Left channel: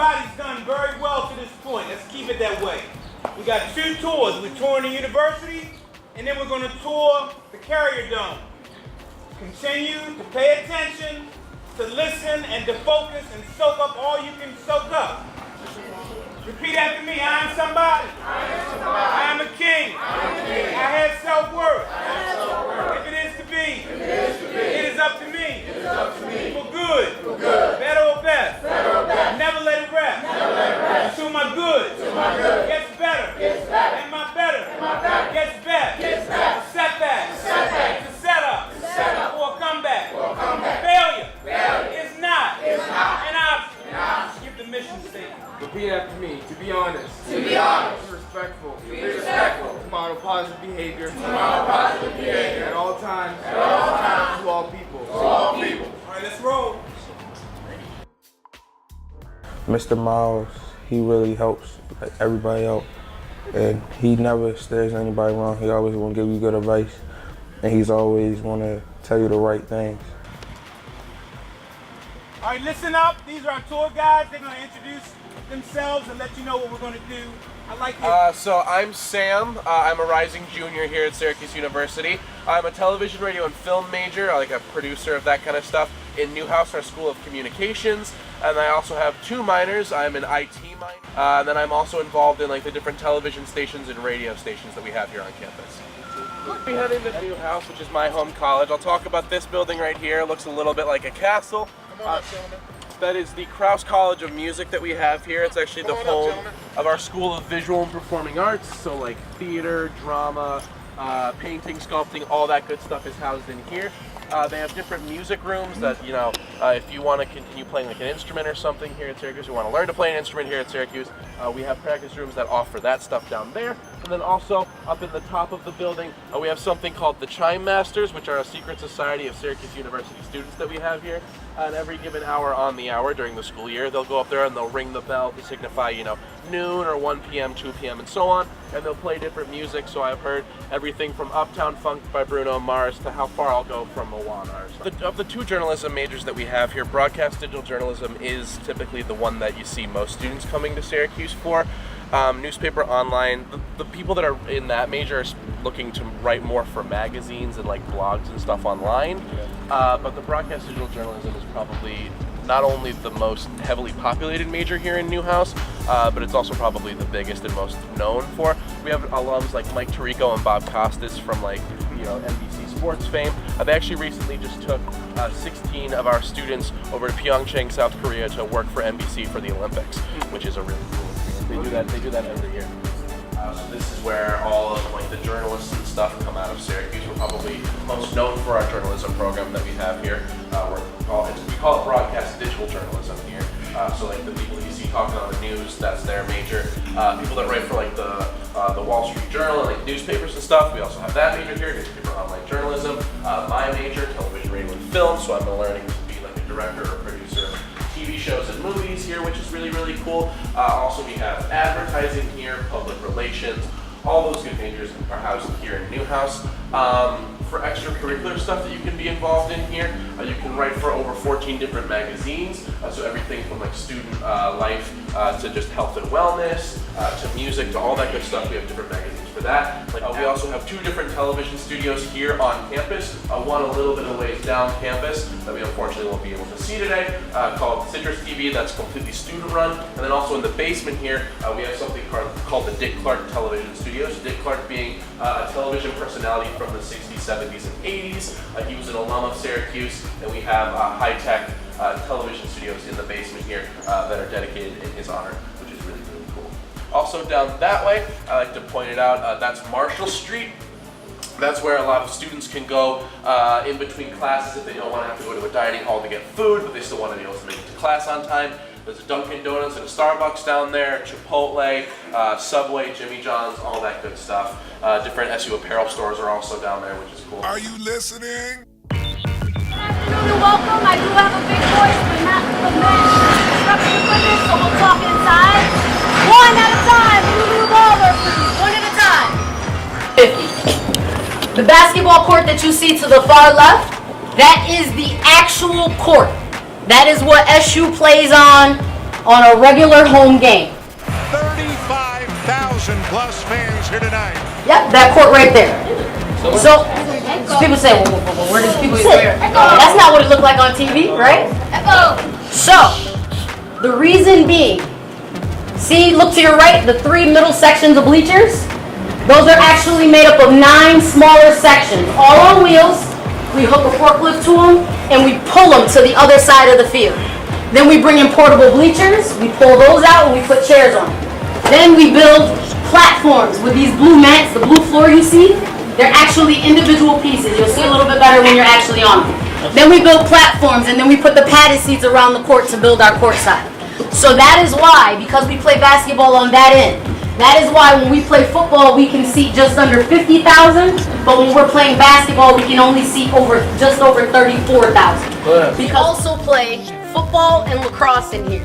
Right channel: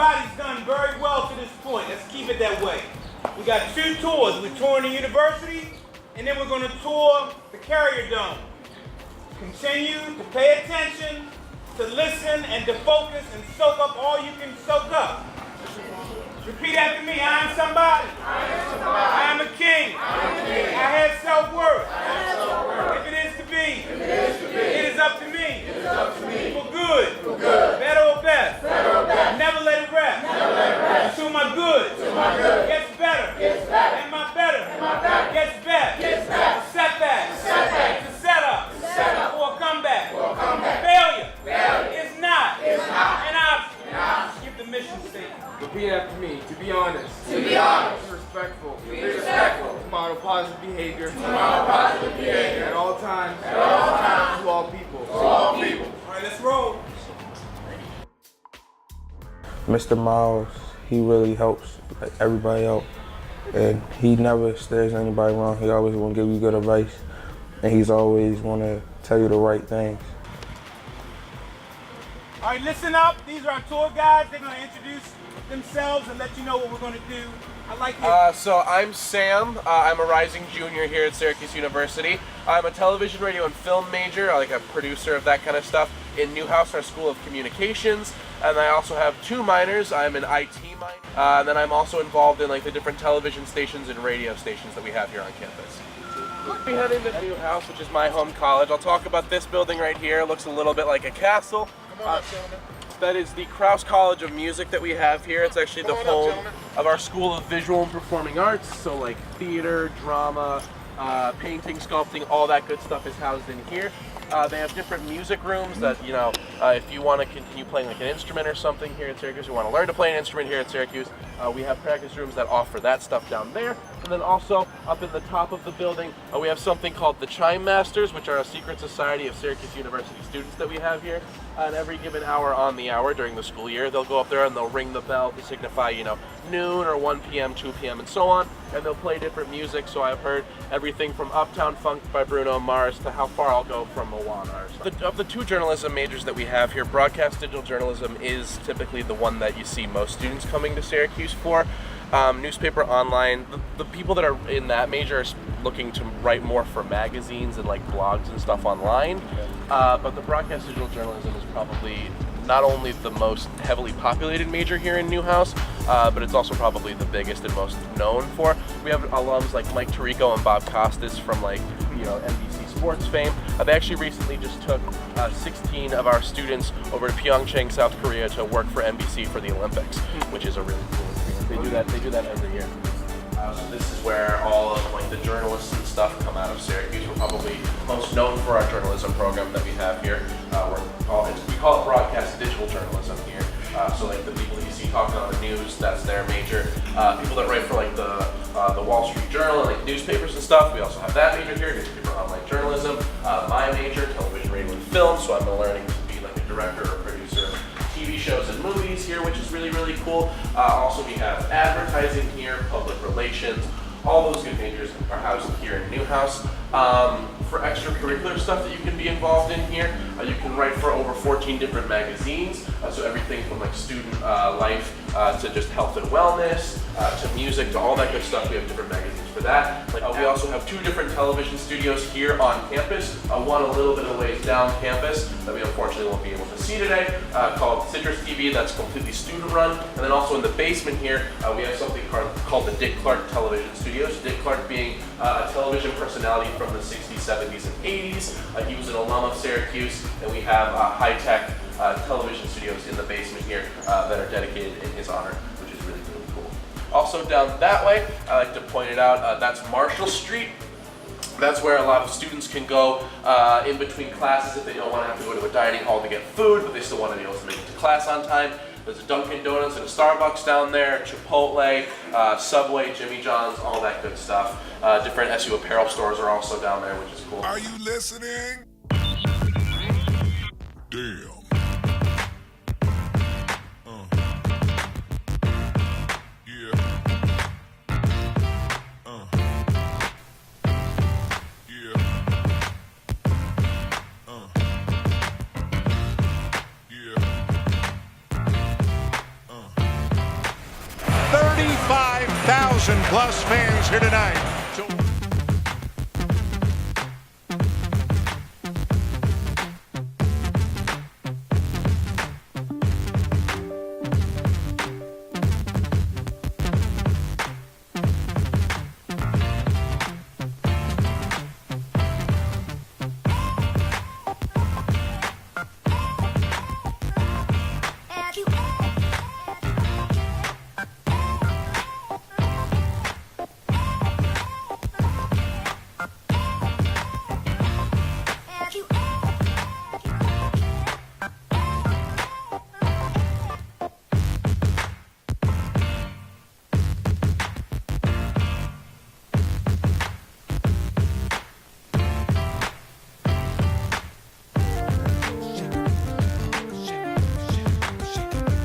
everybody's done very well to this point. Let's keep it that way. We got 2 tours. We're touring the university, and then we're going to tour the Carrier Dome. Continue to pay attention, to listen, and to focus and soak up all you can soak up. Repeat after me. I am somebody. I am a king. I have self-worth. If it is to be, it is up to me. For good. Better or best. Never let it rest. Until my good gets better. And my better gets best. A setback. It's a setup. For a comeback. Failure is not an option. Skip the mission statement. Repeat after me. To be honest. To be honest. To be respectful. To be respectful. To model positive behavior. To model positive behavior. At all times. At all times. To all people. To all people. All right, let's roll. Mr. Miles, he really helps everybody out, and he never steers anybody wrong. He always want to give you good advice, and he's always want to tell you the right things. All right, listen up. These are our tour guides. They're going to introduce themselves and let you know what we're going to do. I like it. So I'm Sam. I'm a rising junior here at Syracuse University. I'm a television, radio, and film major, like a producer of that kind of stuff in Newhouse, our School of Communications. And I also have 2 minors. I'm an IT minor. And then I'm also involved in like the different television stations and radio stations that we have here on campus. We head into Newhouse, which is my home college. I'll talk about this building right here. It looks a little bit like a castle. Come on up, gentlemen. That is the Krause College of Music that we have here. It's actually the home of our School of Visual and Performing Arts. So like theater, drama, painting, sculpting, all that good stuff is housed in here. They have different music rooms that, you know, if you want to continue playing like an instrument or something here at Syracuse, you want to learn to play an instrument here at Syracuse, we have practice rooms that offer that stuff down there. And then also up in the top of the building, we have something called the Chime Masters, which are a secret society of Syracuse University students that we have here. And every given hour on the hour during the school year, they'll go up there and they'll ring the bell to signify, you know, noon or 1 p.m., 2 p.m. and so on. And they'll play different music. So I've heard everything from Uptown Funk by Bruno Mars to How Far I'll Go from Moana or something. Of the 2 journalism majors that we have here, broadcast digital journalism is typically the one that you see most students coming to Syracuse for. Newspaper online, the people that are in that major are looking to write more for magazines and like blogs and stuff online. But the broadcast digital journalism is probably not only the most heavily populated major here in Newhouse, but it's also probably the biggest and most known for. We have alums like Mike Tirico and Bob Costas from like, you know, NBC Sports fame. They actually recently just took 16 of our students over to Pyeongchang, South Korea to work for NBC for the Olympics, which is a really cool experience. They do that every year. So this is where all of like the journalists and stuff come out of Syracuse. We're probably most known for our journalism program that we have here. We call it broadcast digital journalism here. So like the people that you see talking on the news, that's their major. People that write for like the Wall Street Journal and like newspapers and stuff, we also have that major here, newspaper online journalism. My major, television, radio, and film, so I'm learning to be like a director or producer of TV shows and movies here, which is really, really cool. Also, we have advertising here, public relations, all those good majors are housed here in Newhouse. For extracurricular stuff that you can be involved in here, you can write for over 14 different magazines, so everything from like student life to just health and wellness, to music, to all that good stuff. We have different magazines for that. We also have 2 different television studios here on campus, one a little bit of ways down campus that we unfortunately won't be able to see today, called Citrus TV, that's completely student run. And then also in the basement here, we have something called the Dick Clark Television Studios. Dick Clark being a television personality from the 60s, 70s, and 80s. He was an alum of Syracuse, and we have high-tech television studios in the basement here that are dedicated in his honor, which is really, really cool. Also down that way, I like to point it out, that's Marshall Street. That's where a lot of students can go in between classes if they don't want to have to go to a dining hall to get food, but they still want to be able to make it to class on time. There's a Dunkin' Donuts and a Starbucks down there, Chipotle, Subway, Jimmy John's, all that good stuff. Different SU apparel stores are also down there, which is cool. Are you listening? You're welcome. I do have a big voice, but not the construction equipment, so we'll talk inside. One at a time. Move over, one at a time. 50. The basketball court that you see to the far left, that is the actual court. That is what SU plays on on a regular home game. 35,000 plus fans here tonight. Yep, that court right there. So, people say, well, where does people sit? That's not what it looked like on TV, right? So, the reason being, see, look to your right, the 3 middle sections of bleachers? Those are actually made up of 9 smaller sections, all on wheels. We hook a forklift to them, and we pull them to the other side of the field. Then we bring in portable bleachers, we pull those out, and we put chairs on them. Then we build platforms with these blue mats, the blue floor you see. They're actually individual pieces. You'll see a little bit better when you're actually on them. Then we build platforms, and then we put the padded seats around the court to build our court side. So that is why, because we play basketball on that end, that is why when we play football, we can seat just under 50,000, but when we're playing basketball, we can only seat just over 34,000. We also play football and lacrosse in here.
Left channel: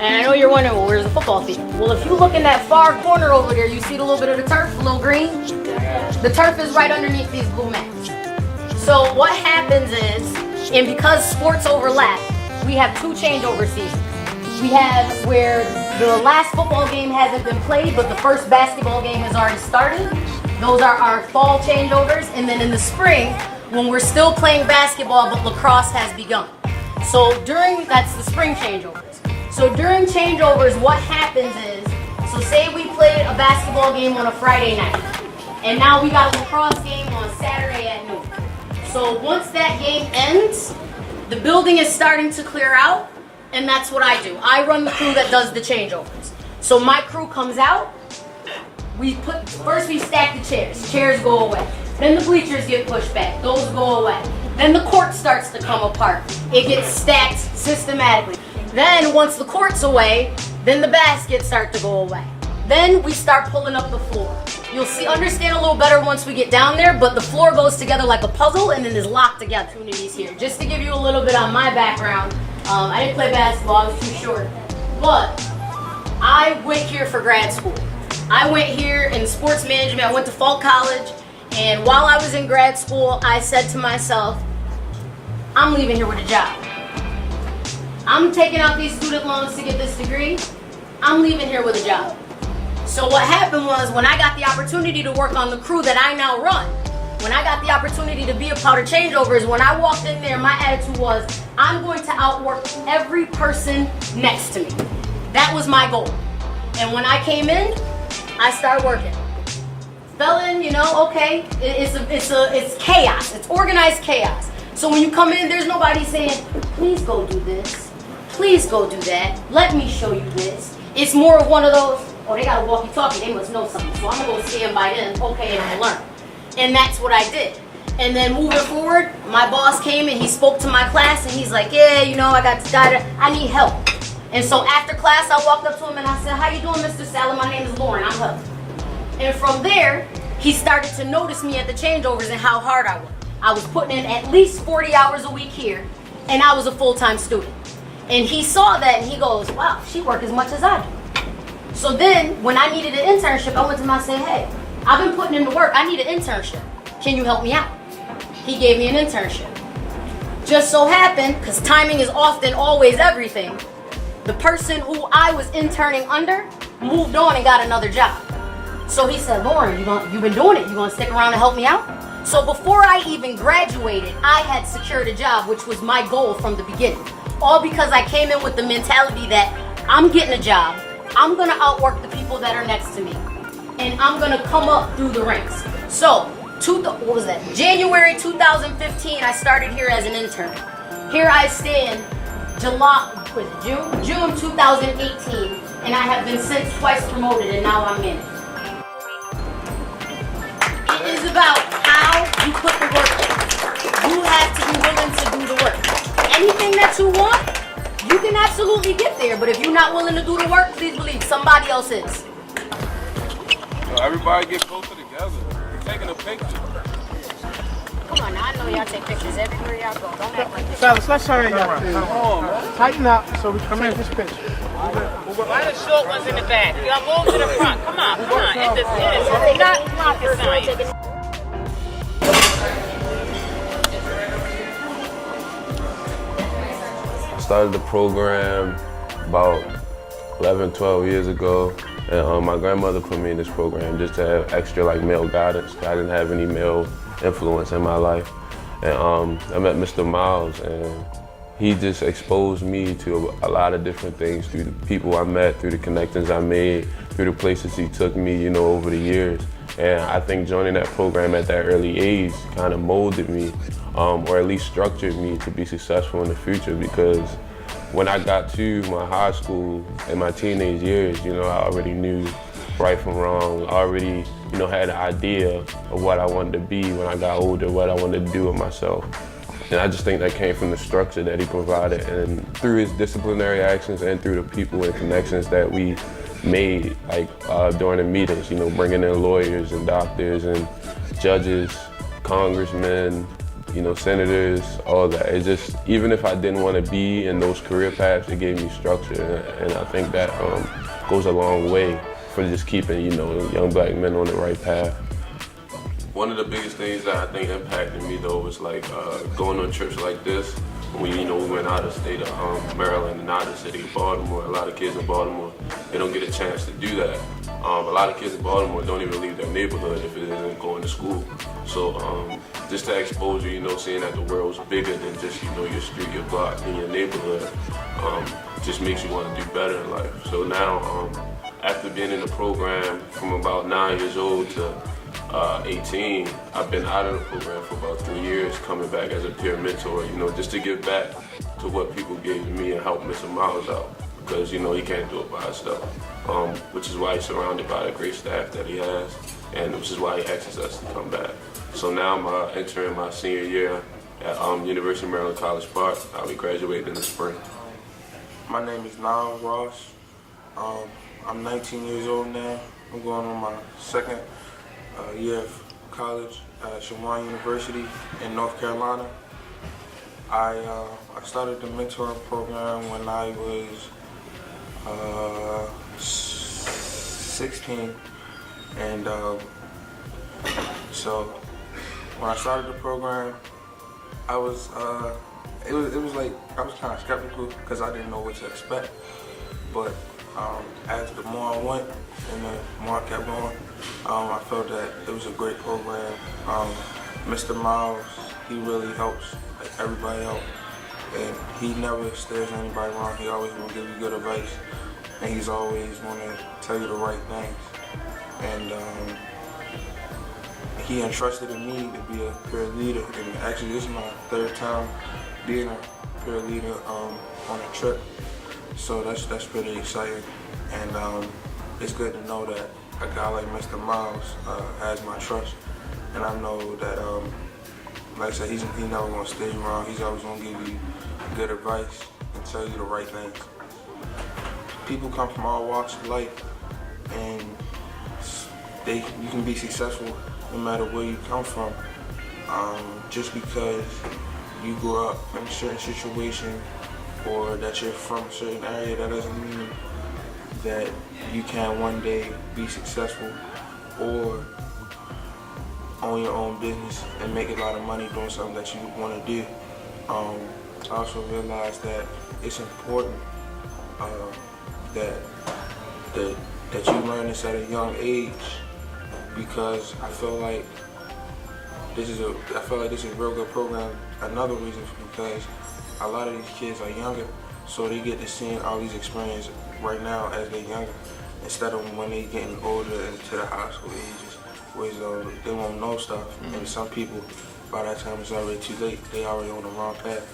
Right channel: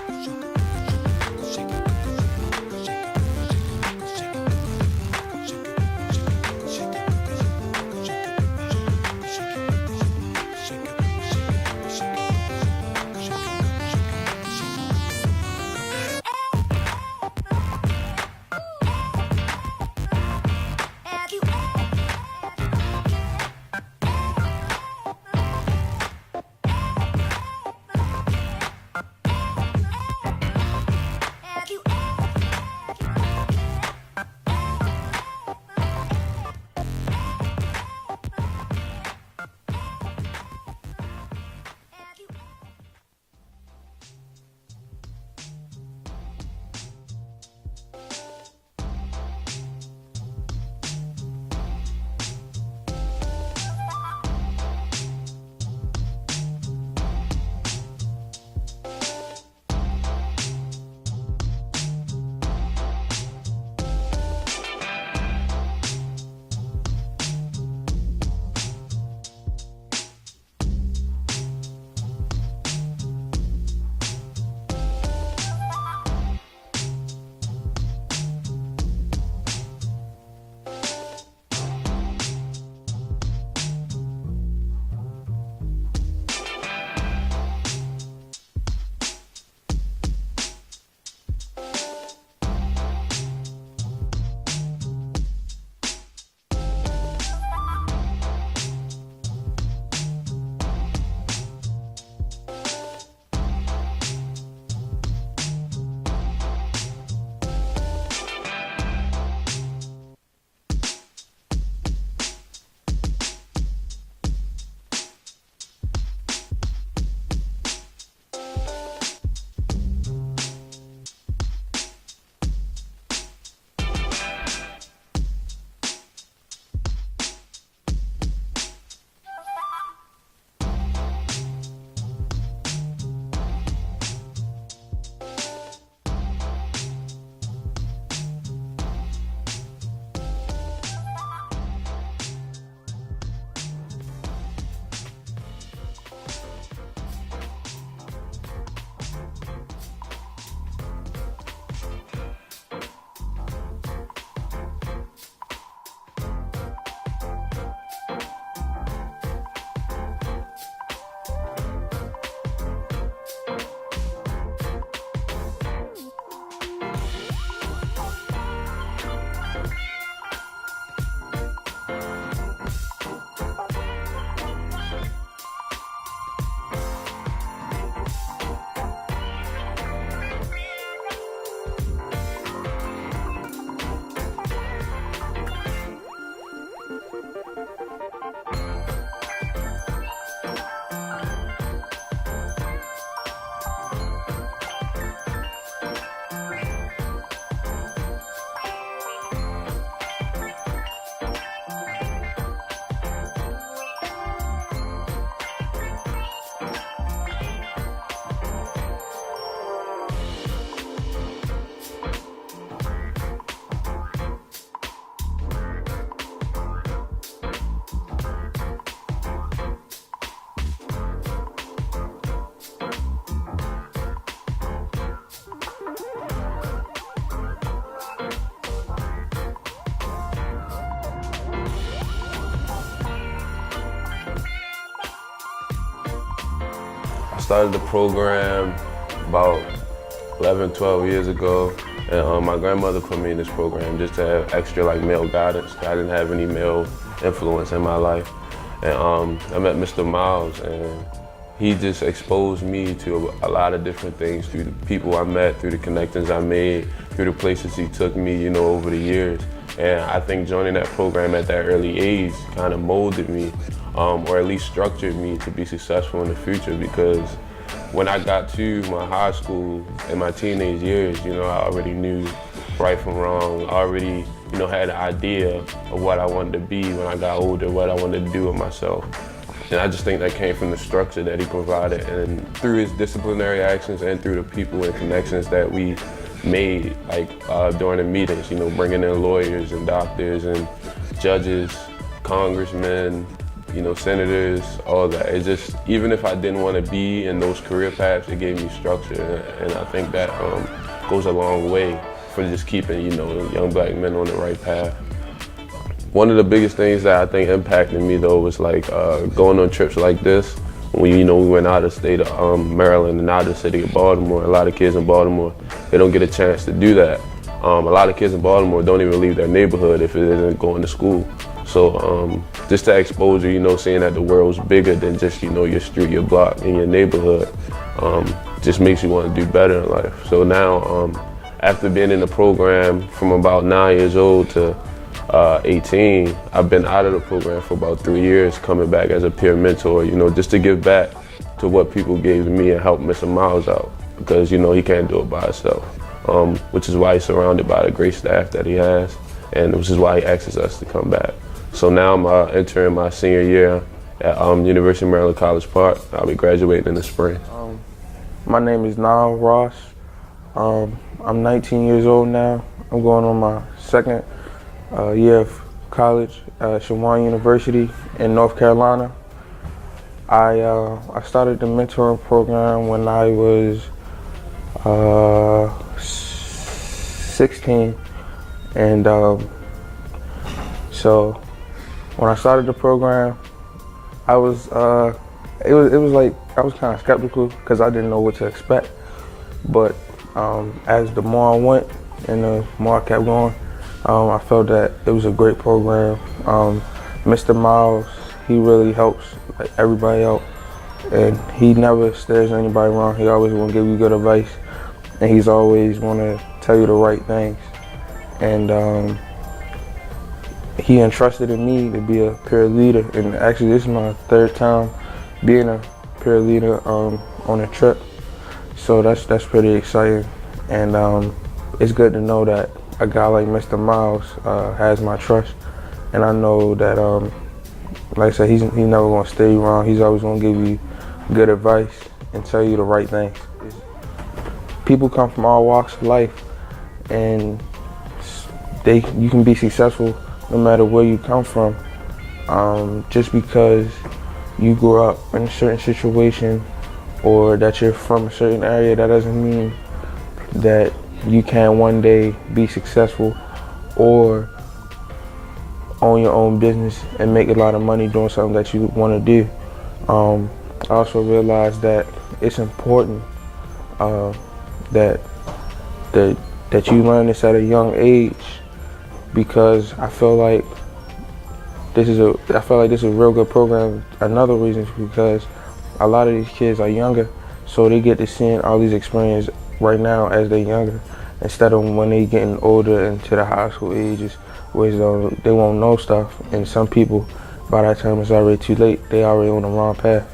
And I know you're wondering, well, where's the football team? Well, if you look in that far corner over there, you see a little bit of the turf, a little green? The turf is right underneath these blue mats. So what happens is, and because sports overlap, we have 2 changeover seasons. We have where the last football game hasn't been played, but the first basketball game has already started. Those are our fall changeovers. And then in the spring, when we're still playing basketball, but lacrosse has begun. So that's the spring changeovers. So during changeovers, what happens is, so say we played a basketball game on a Friday night, and now we got a lacrosse game on Saturday at noon. So once that game ends, the building is starting to clear out, and that's what I do. I run the crew that does the changeovers. So my crew comes out, first we stack the chairs. Chairs go away. Then the bleachers get pushed back. Those go away. Then the court starts to come apart. It gets stacked systematically. Then once the court's away, then the baskets start to go away. Then we start pulling up the floor. You'll understand a little better once we get down there, but the floor goes together like a puzzle and then is locked together. Opportunities here. Just to give you a little bit on my background, I didn't play basketball, I was too short. But I went here for grad school. I went here in sports management. I went to Falk College, and while I was in grad school, I said to myself, I'm leaving here with a job. I'm taking out these student loans to get this degree. I'm leaving here with a job. So what happened was, when I got the opportunity to work on the crew that I now run, when I got the opportunity to be a part of changeovers, when I walked in there, my attitude was, I'm going to outwork every person next to me. That was my goal. And when I came in, I started working. Fell in, okay, it's chaos. It's organized chaos. So when you come in, there's nobody saying, please go do this. Please go do that. Let me show you this. It's more of one of those, they got a walkie-talkie, they must know something. So I'm going to stand by them, okay, and I'll learn. And that's what I did. And then moving forward, my boss came and he spoke to my class and he's like, yeah, I got this guy, I need help. And so after class, I walked up to him and I said, how you doing, Mr. Sally? My name is Lauren, I'm helping. And from there, he started to notice me at the changeovers and how hard I was. I was putting in at least 40 hours a week here, and I was a full-time student. And he saw that and he goes, wow, she works as much as I do. So then, when I needed an internship, I went to him and I said, hey, I've been putting in the work, I need an internship. Can you help me out? He gave me an internship. Just so happened, because timing is often always everything, the person who I was interning under moved on and got another job. So he said, Lauren, you've been doing it. You gonna stick around and help me out? So before I even graduated, I had secured a job, which was my goal from the beginning. All because I came in with the mentality that I'm getting a job, I'm gonna outwork the people that are next to me, and I'm gonna come up through the ranks. So, January 2015, I started here as an intern. Here I stand, June 2018, and I have been since twice promoted, and now I'm in. It is about how you put the work in. You have to be willing to do the work. Anything that you want, you can absolutely get there, but if you're not willing to do the work, please believe somebody else is. So everybody get closer together. Taking a picture. Come on, now I know y'all take pictures everywhere y'all go. Don't act like this. Fellas, let's hurry up. Tighten up so we can take this picture. Why the short ones in the back? Y'all move to the front. Come on. It's not rocket science. I started the program about 11, 12 years ago. And my grandmother put me in this program just to have extra like male guidance. I didn't have any male influence in my life. And I met Mr. Miles, and he just exposed me to a lot of different things through the people I met, through the connections I made, through the places he took me, you know, over the years. And I think joining that program at that early age kind of molded me, or at least structured me to be successful in the future, because when I got to my high school in my teenage years, you know, I already knew right from wrong. I already, you know, had an idea of what I wanted to be when I got older, what I wanted to do with myself. And I just think that came from the structure that he provided, and through his disciplinary actions and through the people and connections that we made, like during the meetings, you know, bringing in lawyers and doctors and judges, congressmen, you know, senators, all that. It just, even if I didn't want to be in those career paths, it gave me structure, and I think that goes a long way for just keeping, you know, young black men on the right path. One of the biggest things that I think impacted me though was like going on trips like this. When, you know, we went out of state of Maryland and out of the city of Baltimore. A lot of kids in Baltimore, they don't get a chance to do that. A lot of kids in Baltimore don't even leave their neighborhood if it isn't going to school. So just that exposure, you know, seeing that the world's bigger than just, you know, your street, your block, and your neighborhood, just makes you want to do better in life. So now, after being in the program from about 9 years old to 18, I've been out of the program for about 3 years, coming back as a peer mentor, you know, just to give back to what people gave to me and help Mr. Miles out, because, you know, he can't do it by himself, which is why he's surrounded by the great staff that he has, and which is why he asks us to come back. So now I'm entering my senior year at University of Maryland College Park. I'll be graduating in the spring. My name is Nam Ross. I'm 19 years old now. I'm going on my second year of college at Syracuse University in North Carolina. I started the mentoring program when I was 16, and so when I started the program, I was it was like I was kind of skeptical because I didn't know what to expect. But as the more I went and the more I kept going, I felt that it was a great program. Mr. Miles, he really helps like everybody out, and he never steers anybody wrong. He always want to give you good advice, and he's always want to tell you the right things. And he entrusted in me to be a peer leader, and actually this is my third time being a peer leader on a trip. So that's pretty exciting, and it's good to know that a guy like Mr. Miles has my trust, and I know that, like I said, he's never gonna steer you wrong. He's always gonna give you good advice and tell you the right things. People come from all walks of life, and you can be successful no matter where you come from. Just because you grew up in a certain situation or that you're from a certain area, that doesn't mean that you can one day be successful or own your own business and make a lot of money doing something that you want to do. I also realized that it's important that you learn this at a young age, because I feel like this is a real good program. Another reason is because a lot of these kids are younger, so they get to see all these experiences right now as they're younger, instead of when they getting older into the high school ages, where they won't know stuff, and some people, by that time it's already too late. They already on the wrong path.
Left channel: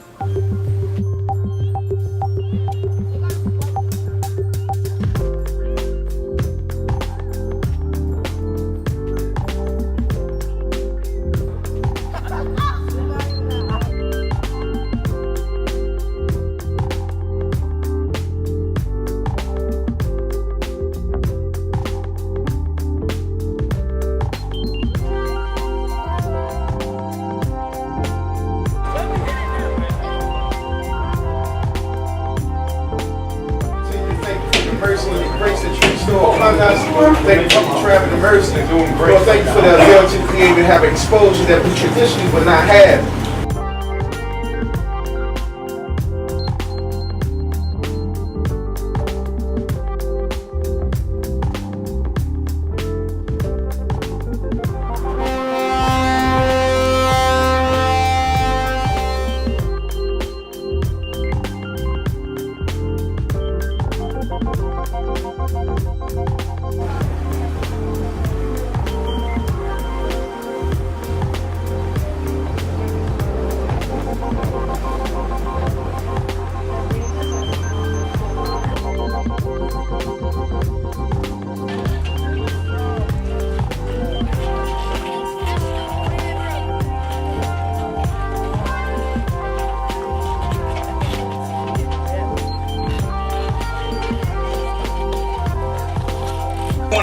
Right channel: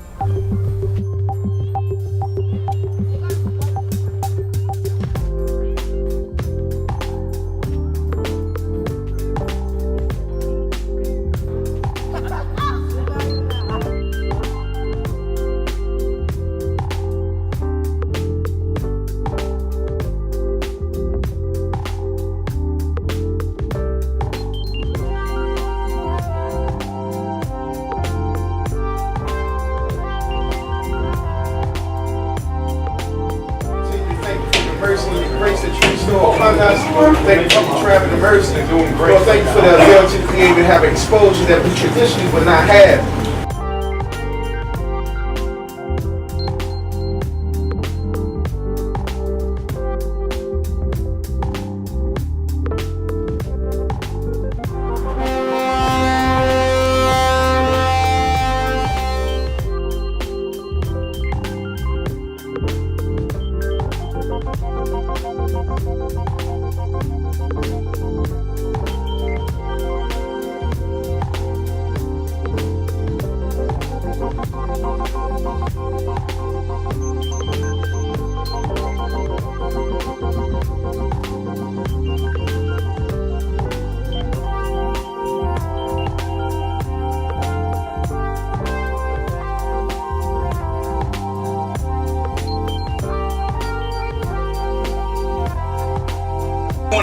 Thank you for traveling to Mercy and doing great. Well, thank you for the ability to be able to have exposure that we traditionally would not have.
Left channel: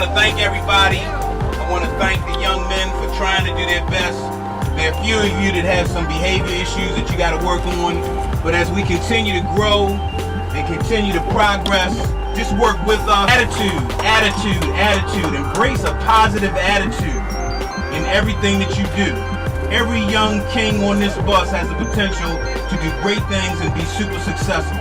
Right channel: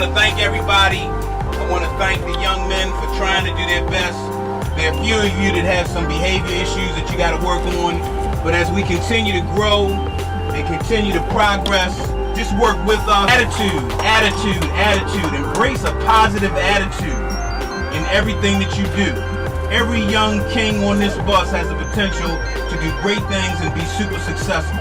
want to thank everybody. I want to thank the young men for trying to do their best. There are a few of you that have some behavior issues that you got to work on. But as we continue to grow and continue to progress, just work with us. Attitude. Embrace a positive attitude in everything that you do. Every young king on this bus has the potential to do great things and be super successful.